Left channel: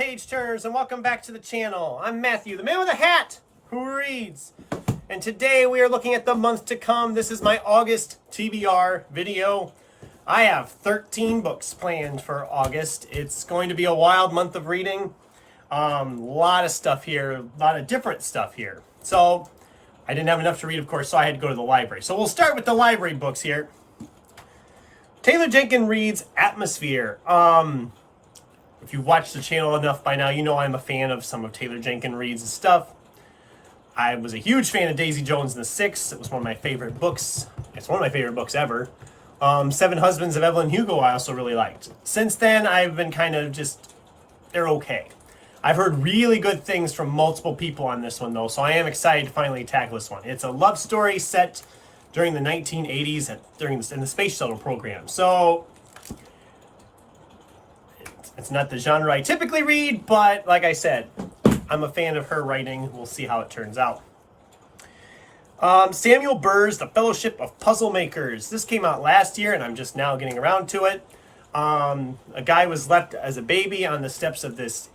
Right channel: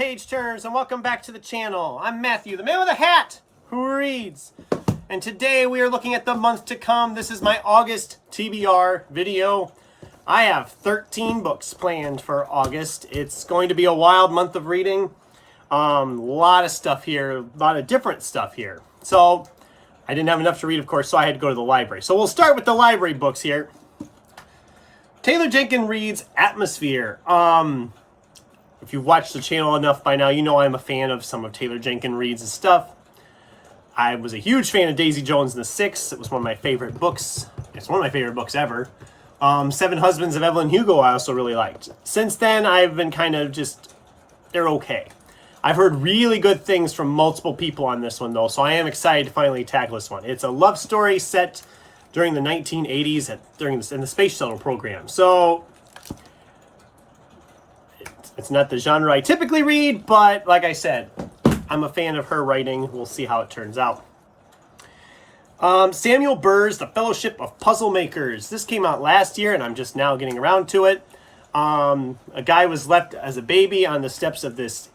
page turners, and welcome back to the channel. I'm Matthew, the man with a hat who reads. And today we are looking at the month to come. This is my August TBR video. I have 13 books planned for August. It's going to be a wild month of reading. A lot of stuff here, a lot of different stuff here. So I didn't have enough to read, of course, so I had to go to the library. So we'll start with the library books here. Taylor Jenkins reads Atmosphere. If you've watched the channel enough by now, you know I'm a fan of some of Taylor Jenkins Reid's stuff. I was a huge fan of Daisy Jones and the Six. It was one of my favorite books. It's one of my favorite books ever. Seven Husbands of Evelyn Hugo I also really liked. Since then, I've been kind of just, they're okay. I've heard really good things from multiple people on this one, though, so I am excited to finally tackle this one. It's a love story set during the 1980s in the space shuttle program. So it's not the genre I typically read, but like I said, I'm a fan of her writing. We'll see how it turns out. Samuel Burr's The Fellowship of Puzzle Makers. This came out last year, and I'm just now getting around to it. A guy was left as a baby on the steps of this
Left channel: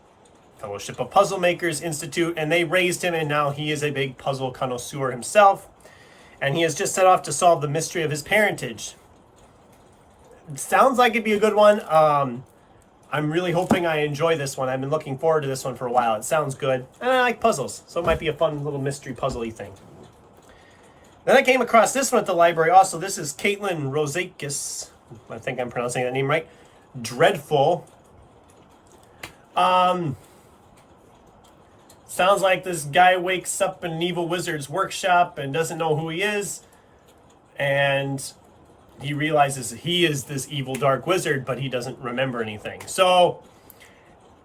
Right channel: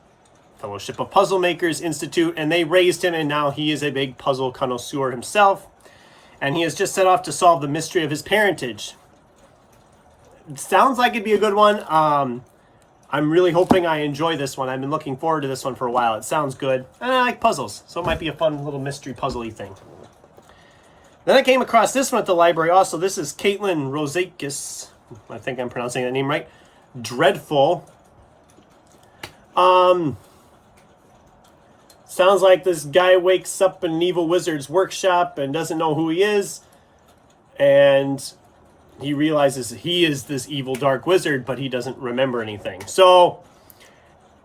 Fellowship of Puzzle Makers Institute, and they raised him, and now he is a big puzzle connoisseur himself. And he has just set off to solve the mystery of his parentage. It sounds like it'd be a good one. I'm really hoping I enjoy this one. I've been looking forward to this one for a while. It sounds good. And I like puzzles, so it might be a fun little mystery puzzle-y thing. Then I came across this one at the library also. This is Caitlin Rozakis. I think I'm pronouncing that name right. Dreadful. Sounds like this guy wakes up in an evil wizard's workshop and doesn't know who he is. And he realizes he is this evil dark wizard, but he doesn't remember anything. So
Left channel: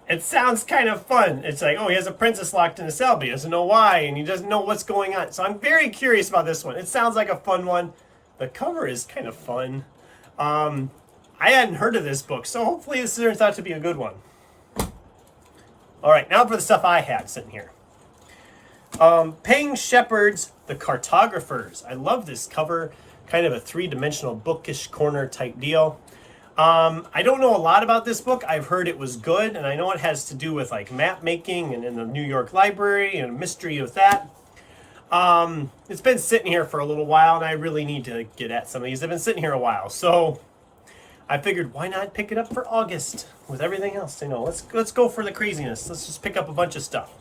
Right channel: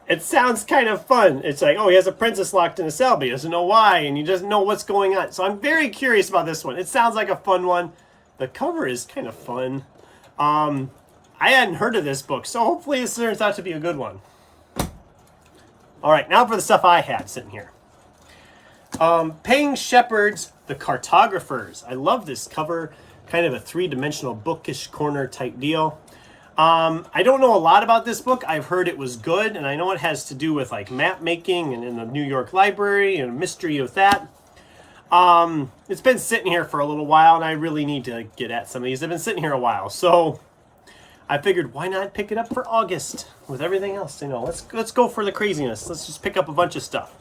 it sounds kind of fun. It's like, oh, he has a princess locked in a cell, but he doesn't know why, and he doesn't know what's going on. So I'm very curious about this one. It sounds like a fun one. The cover is kind of fun. I hadn't heard of this book, so hopefully this turns out to be a good one. All right, now for the stuff I had sitting here. Payne Shepard's The Cartographers. I love this cover. Kind of a three-dimensional bookish corner type deal. I don't know a lot about this book. I've heard it was good, and I know it has to do with like map making and in the New York Library and a mystery with that. It's been sitting here for a little while, and I really need to get at some of these. They've been sitting here a while, so I figured why not pick it up for August with everything else. You know, let's go for the craziness. Let's just pick up a bunch of stuff.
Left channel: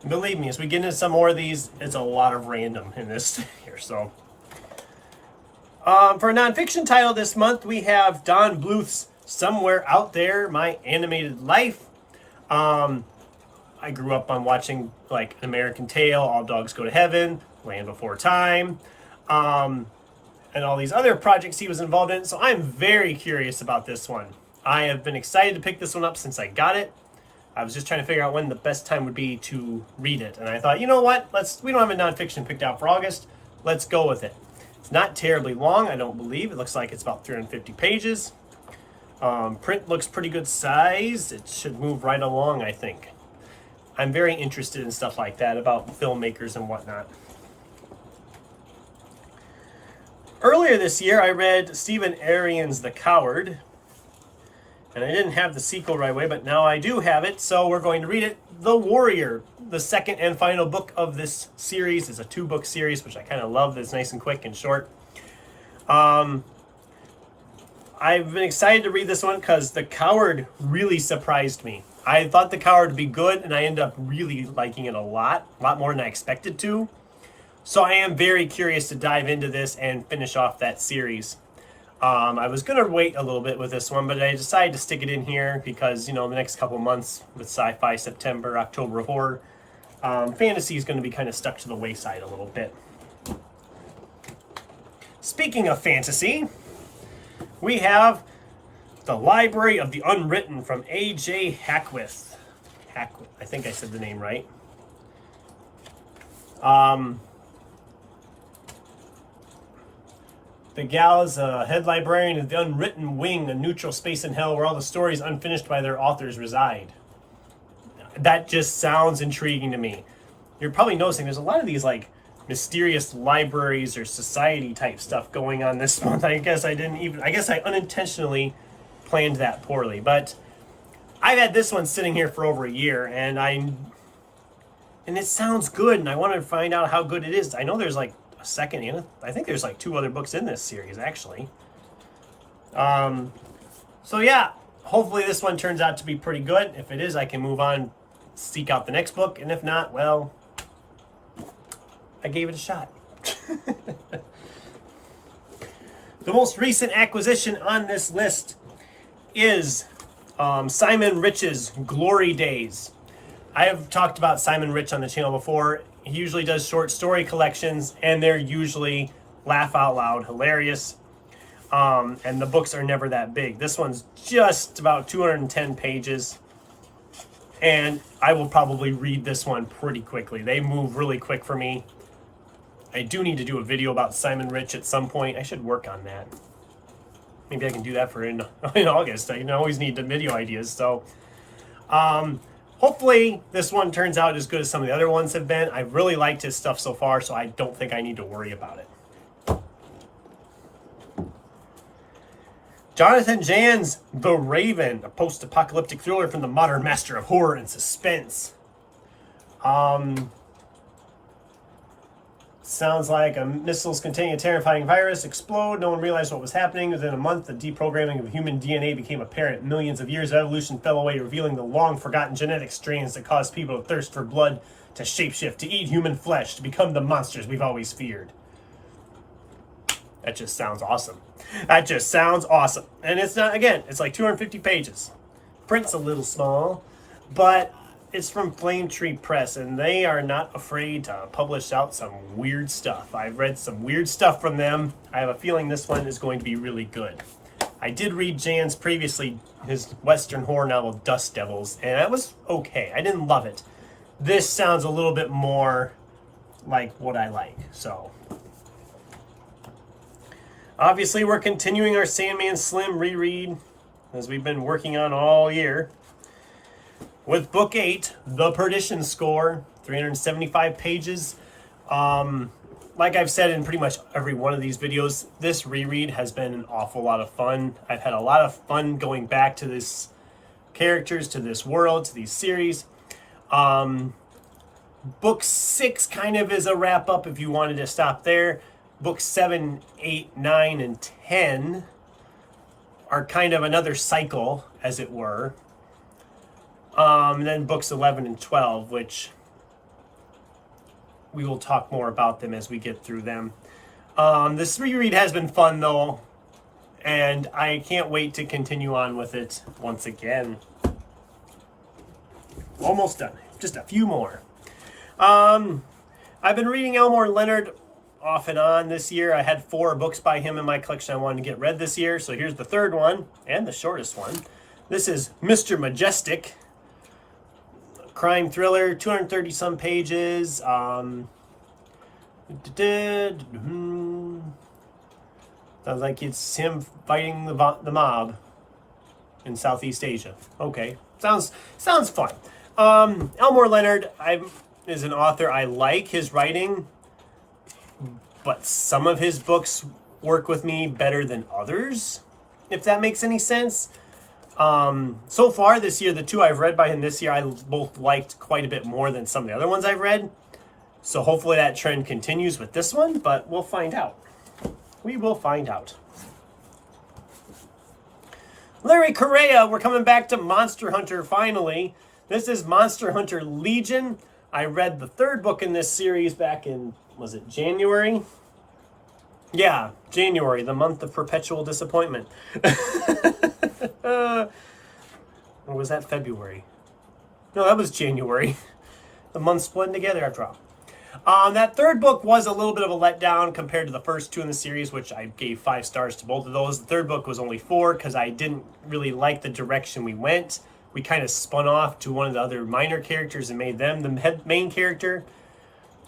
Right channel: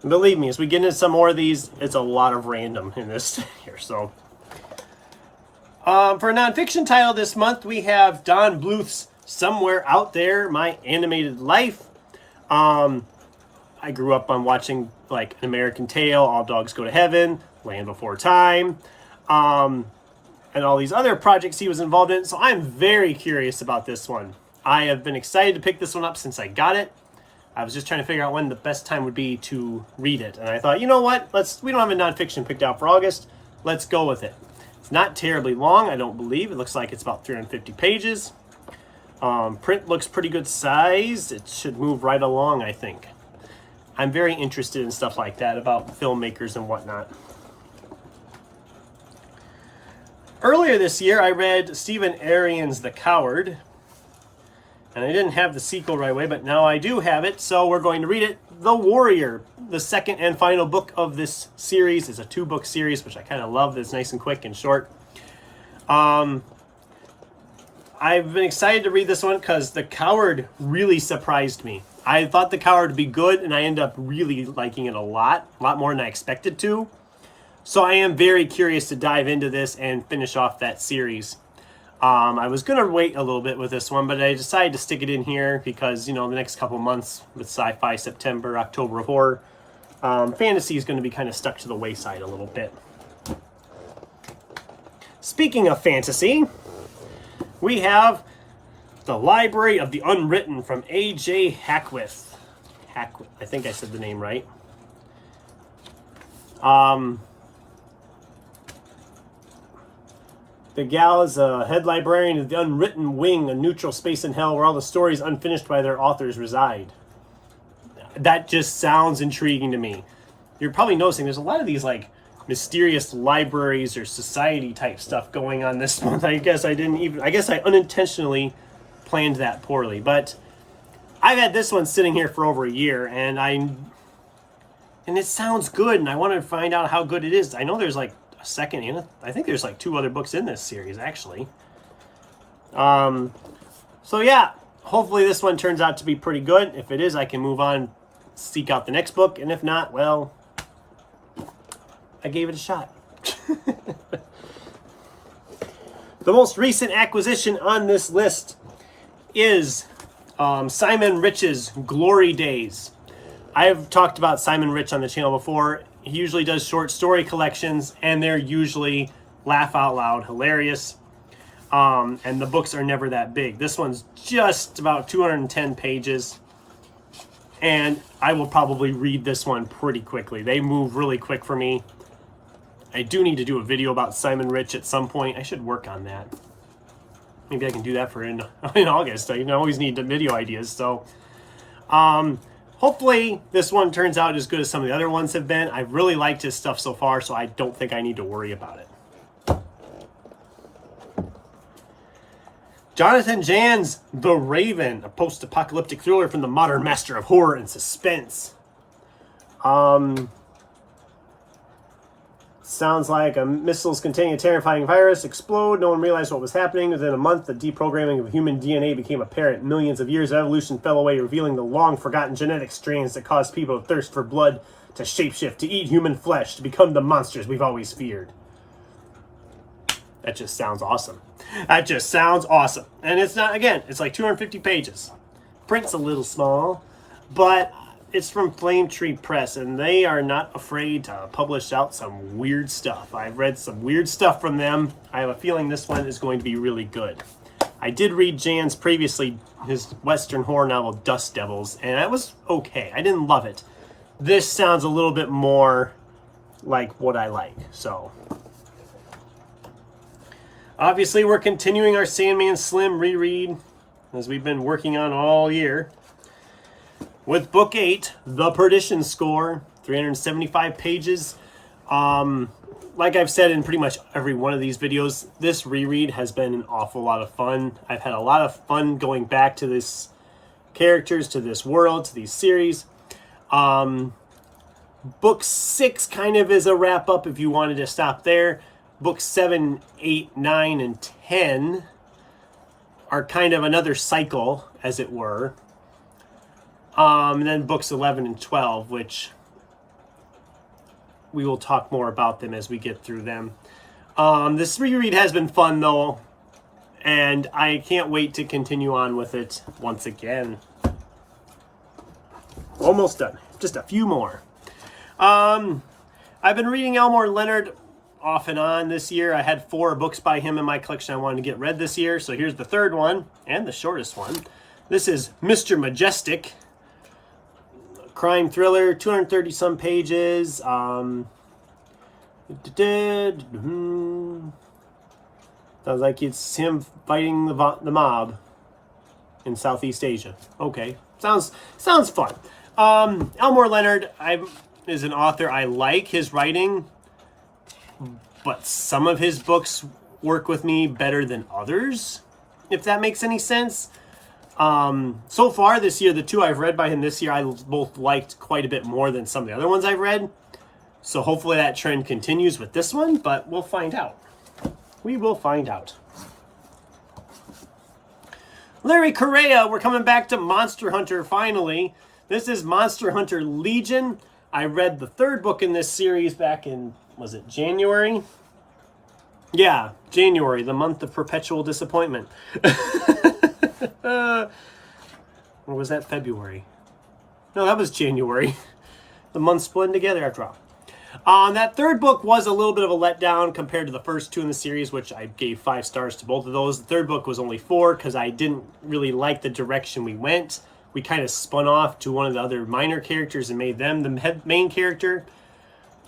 And believe me, as we get into some more of these, it's a lot of random in this here. So. For a nonfiction title this month, we have Don Bluth's Somewhere Out There, My Animated Life. I grew up on watching like An American Tail, All Dogs Go to Heaven, Land Before Time, and all these other projects he was involved in. So I'm very curious about this one. I have been excited to pick this one up since I got it. I was just trying to figure out when the best time would be to read it. And I thought, you know what? We don't have a nonfiction picked out for August. Let's go with it. It's not terribly long, I don't believe. It looks like it's about 350 pages. Print looks pretty good size. It should move right along, I think. I'm very interested in stuff like that about filmmakers and whatnot. Earlier this year, I read Stephen Arian's The Coward. And I didn't have the sequel right away, but now I do have it, so we're going to read it. The Warrior, the second and final book of this series, is a 2-book series, which I kind of love. It's nice and quick and short. I've been excited to read this one because The Coward really surprised me. I thought The Coward would be good, and I ended up really liking it a lot more than I expected to. So I am very curious to dive into this and finish off that series. I was going to wait a little bit with this one, but I decided to stick it in here because, you know, the next couple months with Sci-Fi September, October of Horror, fantasy is going to be kind of stuck to the wayside a little bit. Speaking of fantasy, we have The Library of the Unwritten from A.J. Hackwith. I think I said the name right. The gal is a head librarian of the Unwritten Wing, a neutral space in hell where all the stories unfinished by their authors reside. That just sounds intriguing to me. You're probably noticing there's a lot of these like mysterious libraries or society type stuff going on this month. I guess I unintentionally planned that poorly, but I've had this one sitting here for over a year, and it sounds good, and I want to find out how good it is. I know there's like a second in it. I think there's like 2 other books in this series, actually. So yeah, hopefully this one turns out to be pretty good. If it is, I can move on, seek out the next book, and if not, well, I gave it a shot. The most recent acquisition on this list is Simon Rich's Glory Days. I've talked about Simon Rich on the channel before. He usually does short story collections, and they're usually laugh out loud hilarious. And the books are never that big. This one's just about 210 pages, and I will probably read this one pretty quickly. They move really quick for me. I do need to do a video about Simon Rich at some point. I should work on that. Maybe I can do that for in August. I always need the video ideas. So hopefully this one turns out as good as some of the other ones have been. I've really liked his stuff so far, so I don't think I need to worry about it. Jonathan Jan's The Raven, a post-apocalyptic thriller from the modern master of horror and suspense. Sounds like missiles containing a terrifying virus explode. No one realized what was happening. Within a month, the deprogramming of human DNA became apparent. Millions of years of evolution fell away, revealing the long-forgotten genetic strands that caused people to thirst for blood, to shapeshift, to eat human flesh, to become the monsters we've always feared. That just sounds awesome. That just sounds awesome. And it's not, again, it's like 250 pages. Print's a little small, but it's from Flame Tree Press, and they are not afraid to publish out some weird stuff. I've read some weird stuff from them. I have a feeling this one is going to be really good. I did read Jan's previously, his Western horror novel, Dust Devils, and that was okay. I didn't love it. This sounds a little bit more like what I like, so. Obviously, we're continuing our Sandman Slim reread, as we've been working on all year, with Book 8, The Perdition Score, 375 pages. Like I've said in pretty much every one of these videos, this reread has been an awful lot of fun. I've had a lot of fun going back to this characters, to this world, to these series. Book 6 kind of is a wrap-up if you wanted to stop there. Books 7, 8, 9, and 10 are kind of another cycle, as it were. And then books 11 and 12, which we will talk more about them as we get through them. This reread has been fun, though, and I can't wait to continue on with it once again. Almost done. Just a few more. I've been reading Elmore Leonard off and on this year. I had 4 books by him in my collection I wanted to get read this year, so here's the third one, and the shortest one. This is Mr. Majestic. Crime thriller, 230 some pages. Sounds like it's him fighting the mob in Southeast Asia. Okay, sounds fun. Elmore Leonard is an author. I like his writing, but some of his books work with me better than others, if that makes any sense. So far this year, the 2 I've read by him this year, I both liked quite a bit more than some of the other ones I've read. So hopefully that trend continues with this one, but we'll find out. We will find out. Larry Correa, we're coming back to Monster Hunter finally. This is Monster Hunter Legion. I read the 3rd book in this series back in, was it January? Yeah, January, the month of perpetual disappointment. Or was that February? No, that was January. The months blend together after all. That 3rd book was a little bit of a letdown compared to the first 2 in the series, which I gave 5 stars to both of those. The 3rd book was only 4 because I didn't really like the direction we went. We kind of spun off to one of the other minor characters and made them the main character.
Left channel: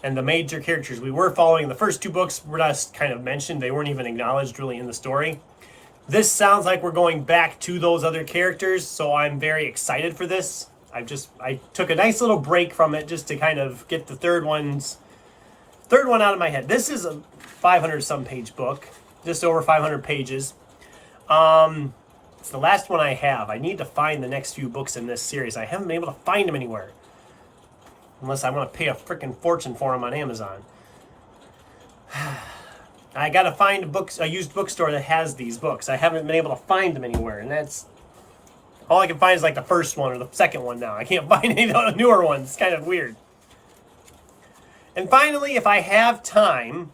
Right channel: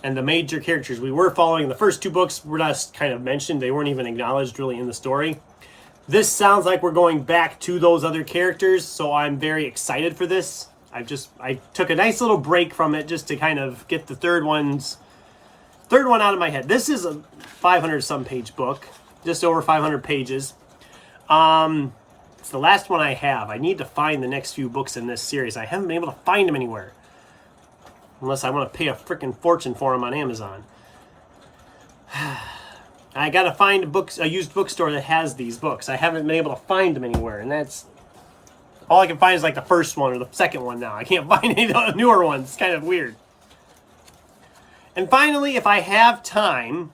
And the major characters we were following in the first 2 books were just kind of mentioned. They weren't even acknowledged really in the story. This sounds like we're going back to those other characters, so I'm very excited for this. I took a nice little break from it just to kind of get the third one out of my head. This is a 500 some page book, just over 500 pages. It's the last one I have. I need to find the next few books in this series. I haven't been able to find them anywhere. Unless I want to pay a freaking fortune for them on Amazon. I gotta find a used bookstore that has these books. I haven't been able to find them anywhere, and that's all I can find is like the first one or the second one now. I can't find any of the newer ones. It's kind of weird. And finally, if I have time,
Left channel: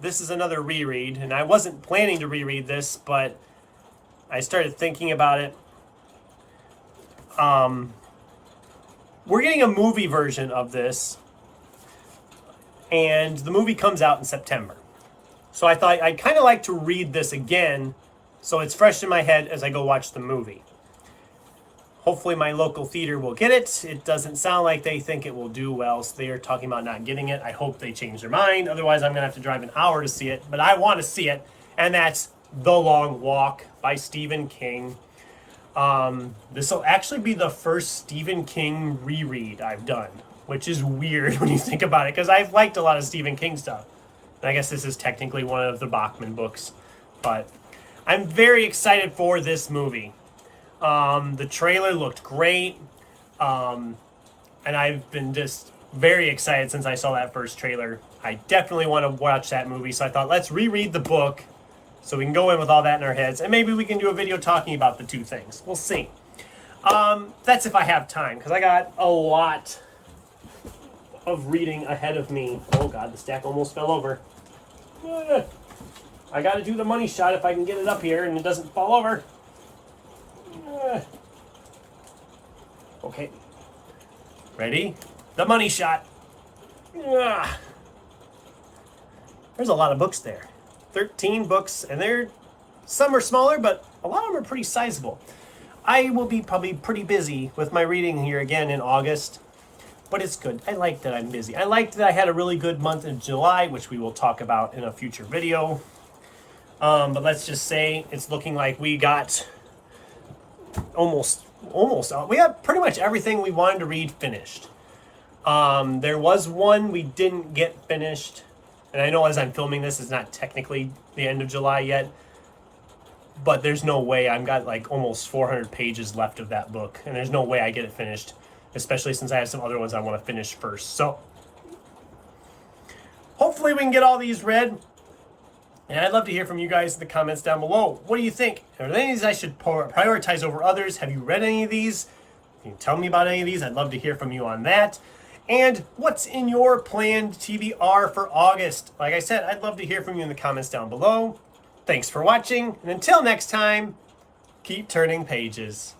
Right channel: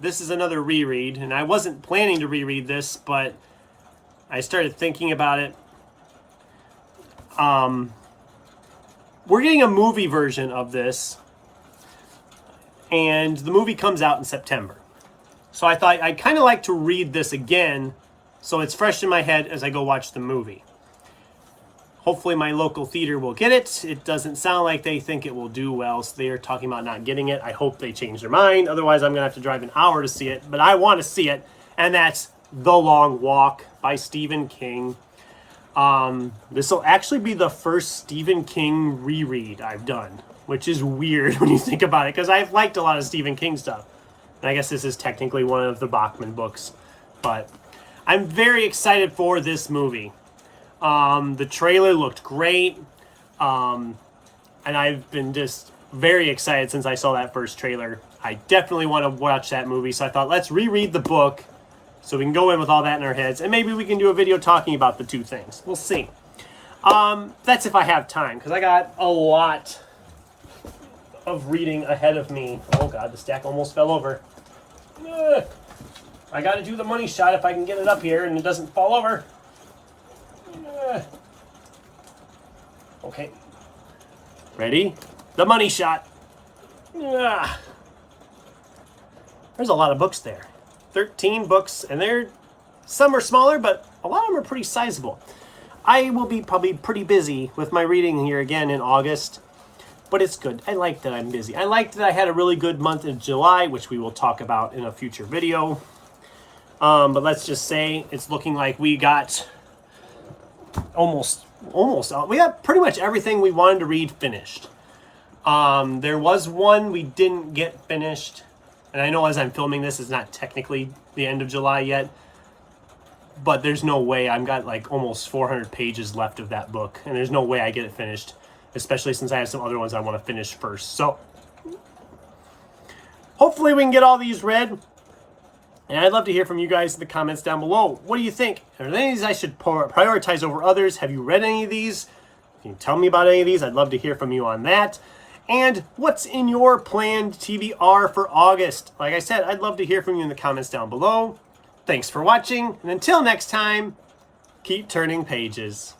this is another reread, and I wasn't planning to reread this, but I started thinking about it. We're getting a movie version of this, and the movie comes out in September. So I thought I'd kind of like to read this again so it's fresh in my head as I go watch the movie. Hopefully my local theater will get it. It doesn't sound like they think it will do well, so they are talking about not getting it. I hope they change their mind. Otherwise, I'm going to have to drive an hour to see it. But I want to see it, and that's The Long Walk by Stephen King. This will actually be the first Stephen King reread I've done, which is weird when you think about it, because I've liked a lot of Stephen King stuff. And I guess this is technically one of the Bachman books. But I'm very excited for this movie. The trailer looked great, and I've been just very excited since I saw that first trailer. I definitely want to watch that movie, so I thought let's reread the book so we can go in with all that in our heads, and maybe we can do a video talking about the two things. We'll see. That's if I have time, because I got a lot of reading ahead of me. Oh god, the stack almost fell over. I got to do the money shot if I can get it up here and it doesn't fall over. Okay. Ready? The money shot. There's a lot of books there. 13 books, and some are smaller, but a lot of them are pretty sizable. I will be probably pretty busy with my reading here again in August, but it's good. I like that I'm busy. I like that I had a really good month in July, which we will talk about in a future video. But let's just say it's looking like we got almost we got pretty much everything we wanted to read finished. There was one we didn't get finished, and I know as I'm filming this, it's not technically the end of July yet, but there's no way. I've got like almost 400 pages left of that book, and there's no way I get it finished, especially since I have some other ones I want to finish first. So hopefully we can get all these read. And I'd love to hear from you guys in the comments down below. What do you think? Are there any of these I should prioritize over others? Have you read any of these? Can you tell me about any of these? I'd love to hear from you on that. And what's in your planned TBR for August? Like I said, I'd love to hear from you in the comments down below. Thanks for watching, and until next time, keep turning pages.